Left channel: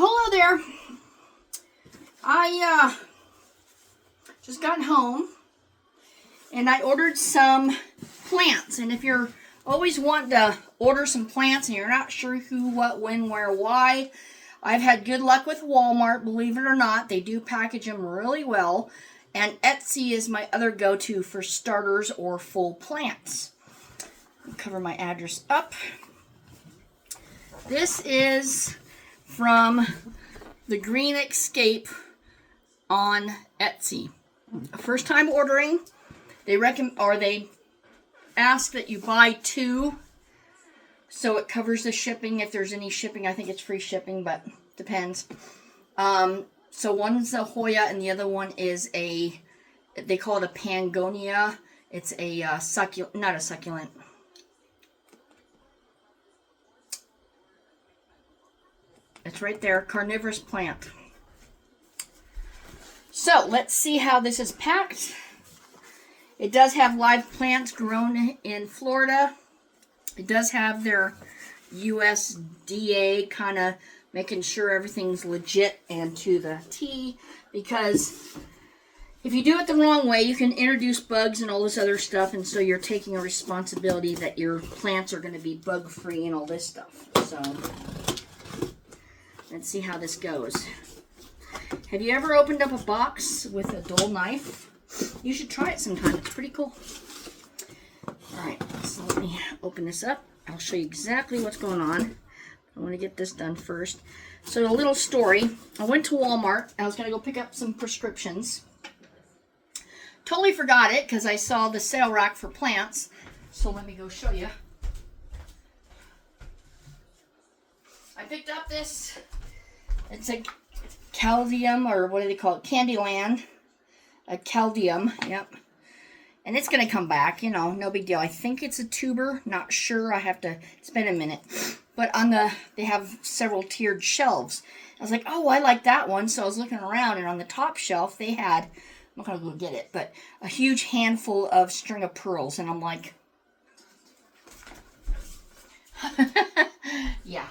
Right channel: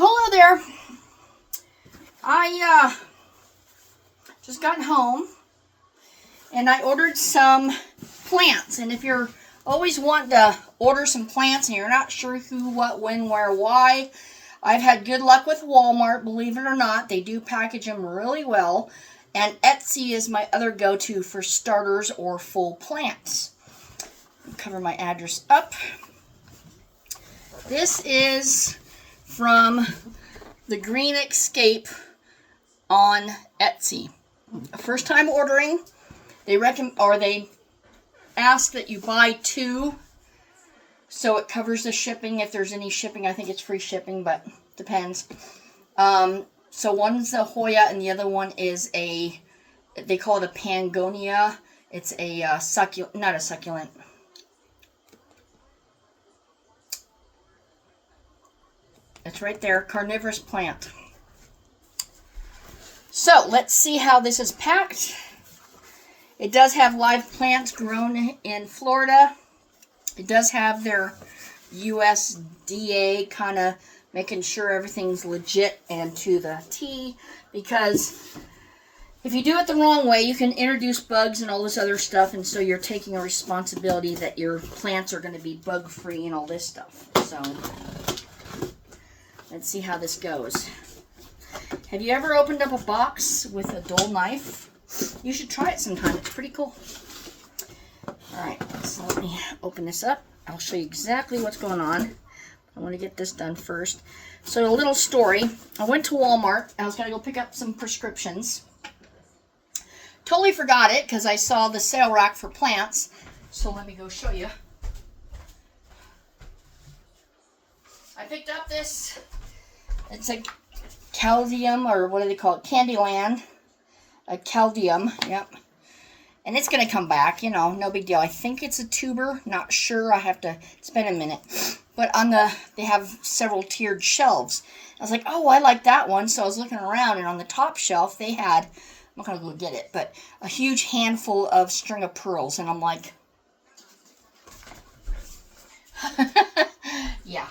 Well, hello there. I just got home and I ordered some plants. And if you're always wanting to order some plants and you're not sure who, what, when, where, why, I've had good luck with Walmart, believe it or not. They do package them really well. And Etsy is my other go-to for starters or full plants. I'll cover my address up. This is from the Green Escape on Etsy. First time ordering, they ask that you buy 2, so it covers the shipping. If there's any shipping, I think it's free shipping, but depends. So one's a Hoya and the other one is they call it a Pangonia. It's a succulent, not a succulent. It's right there, carnivorous plant. So let's see how this is packed. It does have live plants grown in Florida. It does have their USDA kind of making sure everything's legit and to the T, because if you do it the wrong way, you can introduce bugs and all this other stuff, and so you're taking a responsibility that your plants are going to be bug-free and all this stuff. So let's see how this goes. Have you ever opened up a box with a dull knife? You should try it sometime. It's pretty cool. Alright, so let me open this up. I'll show you exactly what's going on. I want to get this done first. So a little story. I went to Walmart and I was going to go pick up some prescriptions. Totally forgot it because I saw the sale rack for plants. So let me go show you. I picked up this. It's a Caldium, or what do they call it? Candyland. A Caldium, yep. And it's going to come back, you know, no big deal. I think it's a tuber, not sure. I have to spend a minute. But they have several tiered shelves. I was like, oh, I like that one. So I was looking around, and on the top shelf, they had, I'm not going to go get it, but a huge handful of string of pearls. And I'm like, yeah.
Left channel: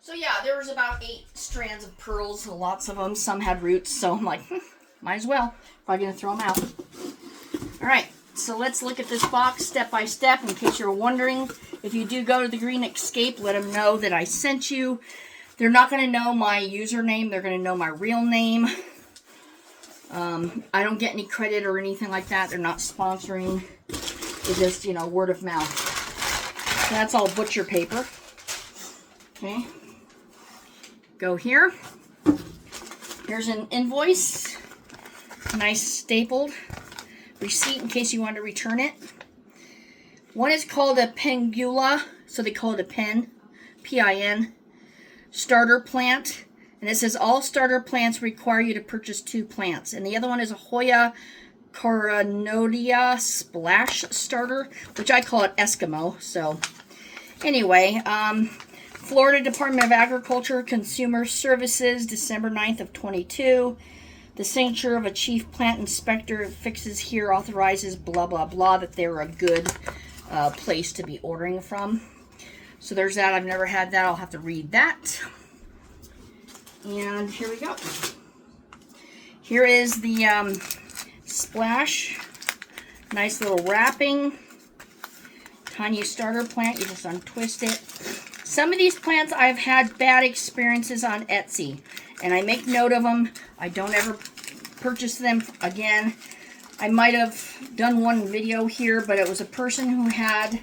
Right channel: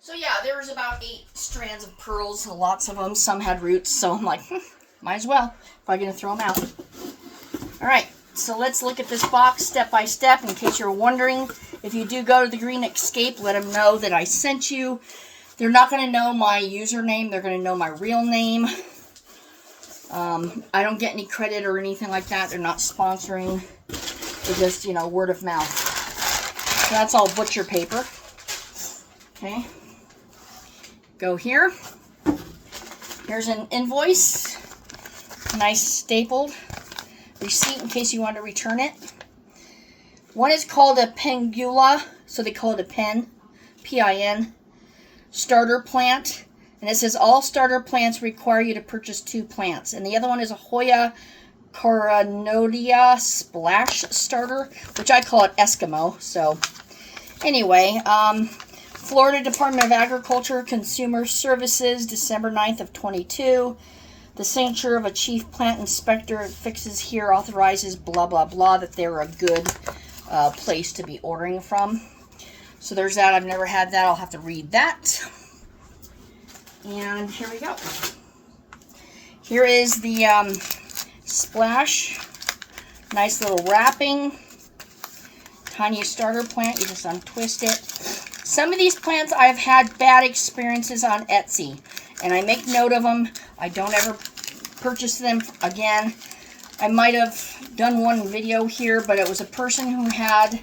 So yeah, there was about 8 strands of pearls, lots of them. Some had roots, so I'm like, might as well if I'm going to throw them out. All right, so let's look at this box step by step in case you're wondering. If you do go to the Green Escape, let them know that I sent you. They're not going to know my username. They're going to know my real name. I don't get any credit or anything like that. They're not sponsoring. They're just, word of mouth. So that's all butcher paper. Okay. Go here. Here's an invoice. Nice stapled receipt in case you want to return it. One is called a Pangula, so they call it a pen, P-I-N, starter plant. And it says all starter plants require you to purchase 2 plants. And the other one is a Hoya Coronodia Splash Starter, which I call it Eskimo. So anyway, Florida Department of Agriculture Consumer Services, December 9th of 22. The signature of a chief plant inspector fixes here authorizes blah, blah, blah, that they're a good place to be ordering from. So there's that. I've never had that. I'll have to read that. And here we go. Here is the Splash. Nice little wrapping. Tiny starter plant. You just untwist it. Some of these plants I've had bad experiences on Etsy, and I make note of them. I don't ever purchase them again. I might have done one video here, but it was a person who had,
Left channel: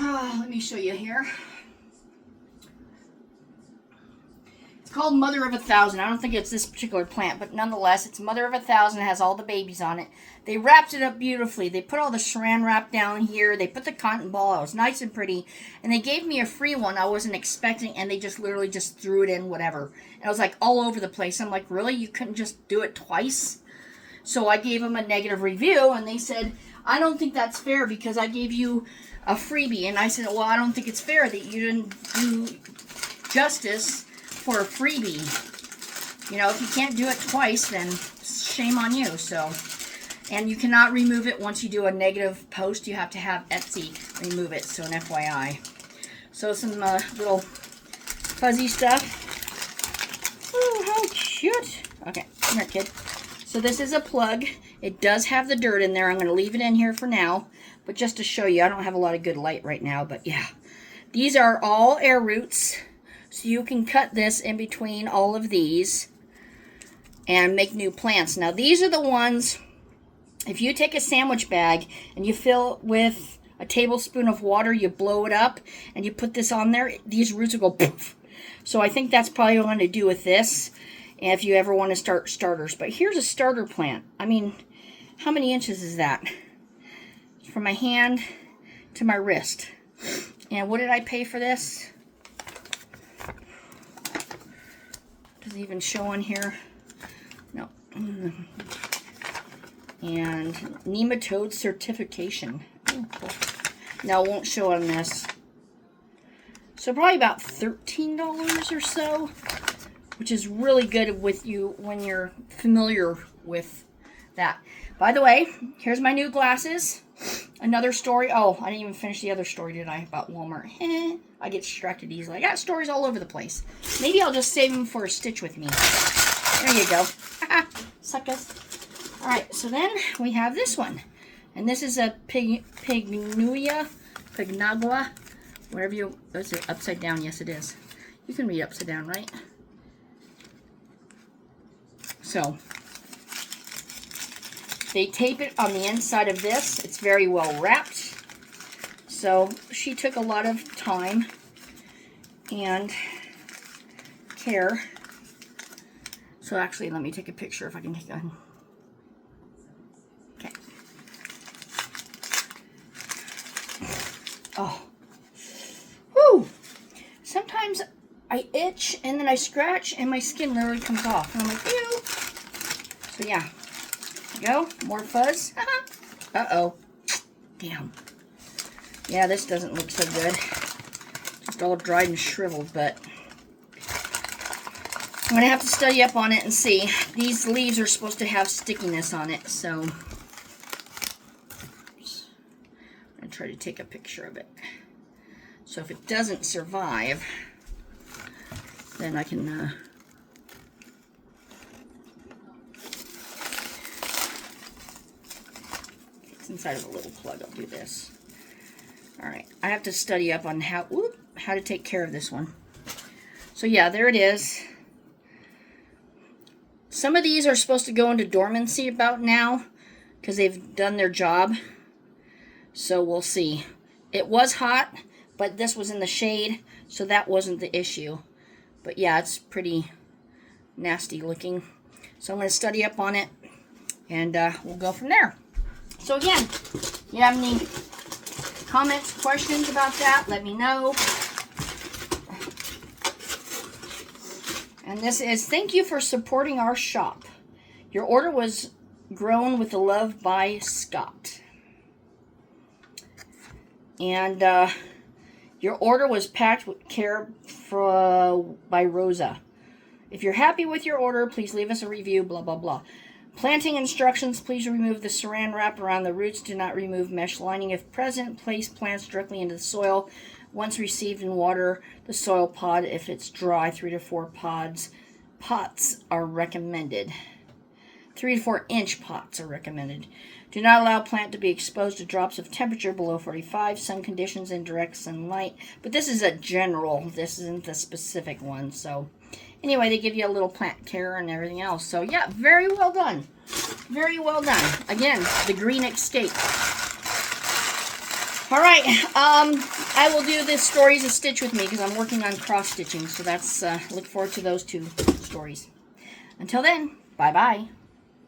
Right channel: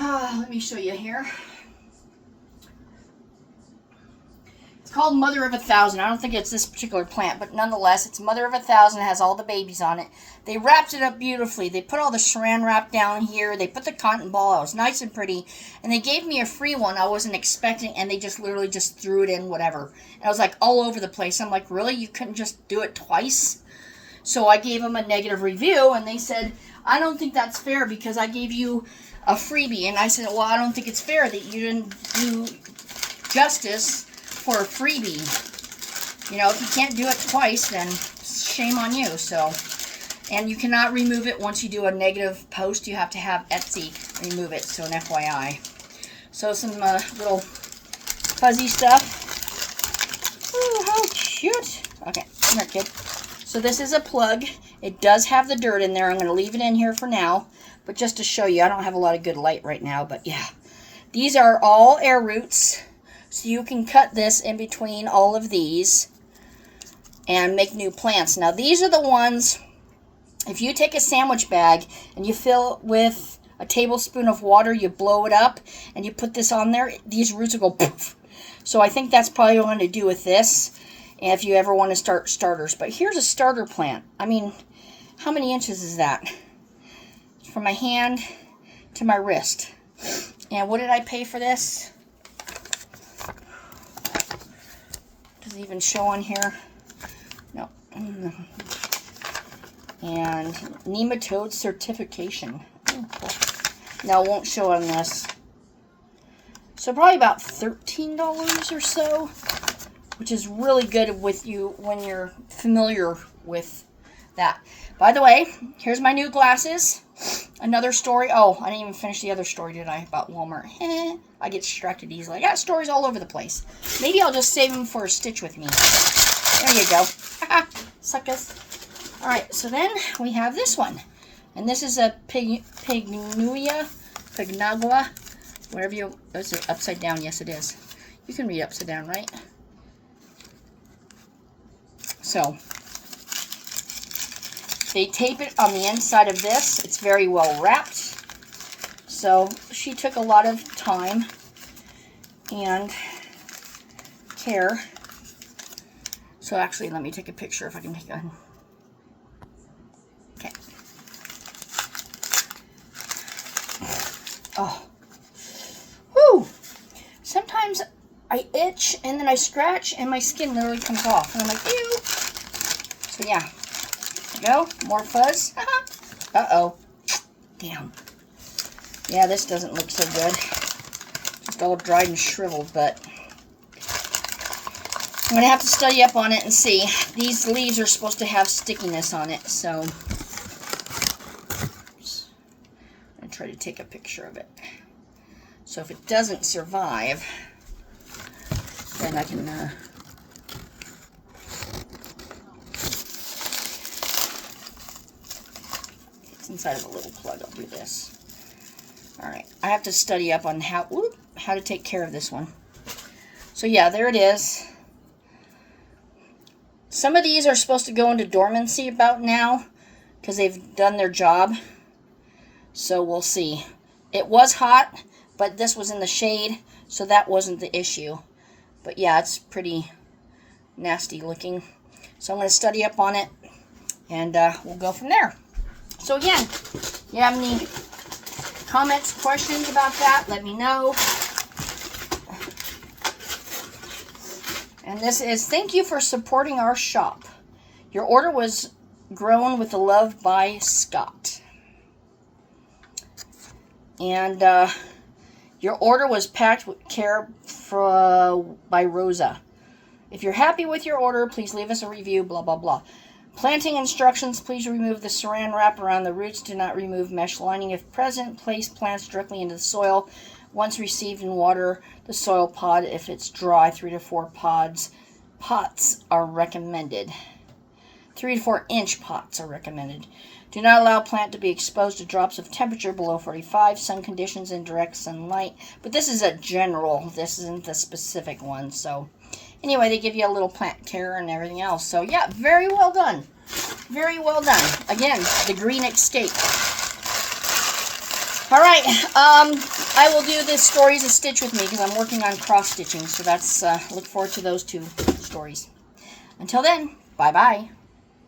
let me show you here. It's called Mother of 1,000. I don't think it's this particular plant, but nonetheless, it's Mother of 1,000. It has all the babies on it. They wrapped it up beautifully. They put all the saran wrap down here. They put the cotton ball. It was nice and pretty. And they gave me a free one I wasn't expecting, and they just literally just threw it in, whatever. And I was like all over the place. I'm like, really? You couldn't just do it twice? So I gave them a negative review, and they said, I don't think that's fair because I gave you a freebie. And I said, well, I don't think it's fair that you didn't do justice for a freebie. If you can't do it twice, then shame on you. So And you cannot remove it once you do a negative post. You have to have Etsy remove it, so an FYI. So some little fuzzy stuff. Ooh, how cute. Okay, come here, kid. So this is a plug. It does have the dirt in there. I'm going to leave it in here for now. But just to show you, I don't have a lot of good light right now. But yeah, these are all air roots. So you can cut this in between all of these and make new plants. Now these are the ones, if you take a sandwich bag and you fill it with a tablespoon of water, you blow it up, and you put this on there, these roots will go poof. So I think that's probably what I'm going to do with this, and if you ever want to start starters. But here's a starter plant. I mean, how many inches is that? From my hand to my wrist. And what did I pay for this? Does it even show on here? No. And nematode certification. No, it won't show on this. So probably about $13 or so, which is really good with you when you're familiar with that. By the way, here's my new glasses. Another story. Oh, I didn't even finish the other story, did I? About Walmart. I get distracted easily. I got stories all over the place. Maybe I'll just save them for a Stitch with me. There you go. Suckers. Alright, so then we have this one. And this is a Pignagua, whatever you, is it upside down? Yes, it is. You can read upside down, right? So, they tape it on the inside of this. It's very well wrapped. So, she took a lot of time and care. So, actually, let me take a picture if I can take a... Okay. Oh. Whew. Sometimes I itch and then I scratch and my skin literally comes off. And I'm like, ew. So yeah. There you go. More fuzz. Uh-oh. Damn. Yeah, this doesn't look so good. Just all dried and shriveled, but I'm going to have to study up on it and see. These leaves are supposed to have stickiness on it, so I'm going to try to take a picture of it. So if it doesn't survive, then I can it's inside of a little plug. I'll do this. Alright, I have to study up on how to take care of this one. So yeah, there it is. Some of these are supposed to go into dormancy about now because they've done their job. So we'll see. It was hot, but this was in the shade, so that wasn't the issue. But yeah, it's pretty nasty looking. So I'm going to study up on it, and we'll go from there. So again, if you have any comments, questions about that, let me know. And this is, thank you for supporting our shop. Your order was grown with the love by Scott. And your order was packed with care by Rosa. If you're happy with your order, please leave us a review, blah, blah, blah. Planting instructions, please remove the saran wrap around the roots. Do not remove mesh lining. If present, place plants directly into the soil. Once received in water, the soil pod. If it's dry, 3 to 4 pots are recommended. 3 to 4 inch pots are recommended. Do not allow plant to be exposed to drops of temperature below 45, sun conditions, and direct sunlight. But this is a general. This isn't the specific one. So anyway, they give you a little plant care and everything else. So yeah, very well done. Very well done. Again, the Green Escape. All right, I will do the stories of Stitch with me because I'm working on cross-stitching. So that's, look forward to those 2 stories. Until then, bye-bye.